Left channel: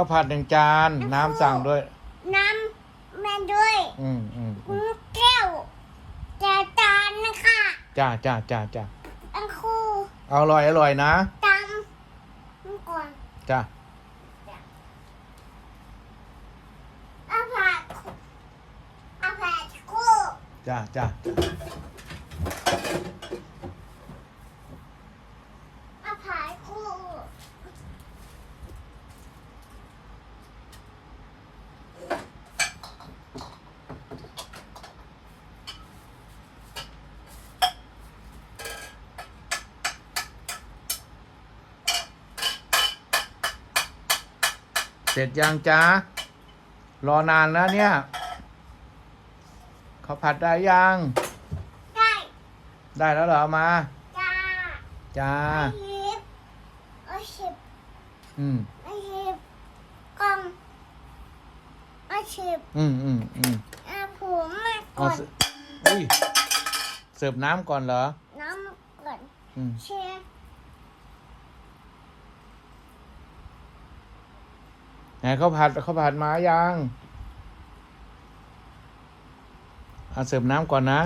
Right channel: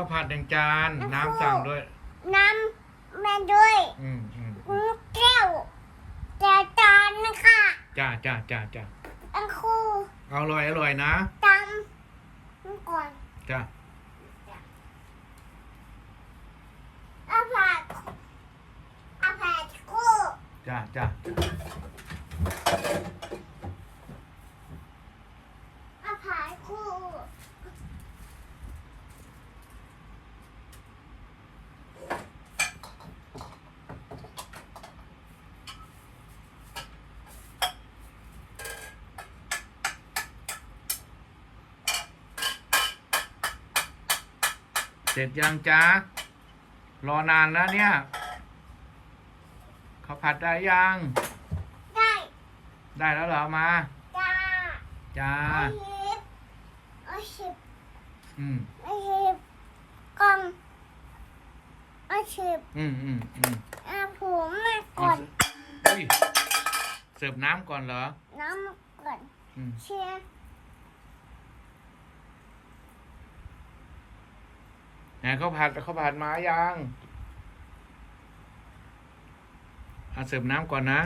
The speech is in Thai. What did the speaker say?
ข้าวผัดหนึ่งจาน น้ำสั่งด้วย น้ำแม่ด้วยอืมอืมคุณแก้วแจจานนะคะจ้าจ้าจ้าจ้าอันครูเอาอร่อยอร่อยนะตำมันก่อนจ้าเอาผัดเอาผัดคู่จ้าจ้าจ้าเอาผัดคู่ เส ร็จยังจ้ารอนานแล้วเนี่ยข้าวผัดได้ยัง ได้ได้แล้วเหรอเอามา จ้าจ้าเอาชิบเอาชิบอืมเอาชิบกล่องเอาชิบอืมอืมอืมเอาผมมาเอาก่อนเสิอุ้ยเสิร์ฟน้ำก่อนเหรอ น้ำก่อนอืมเชีย นะเขาผัดเขาผัดมายังเอาเสิร์ฟน้ำก่อนนะ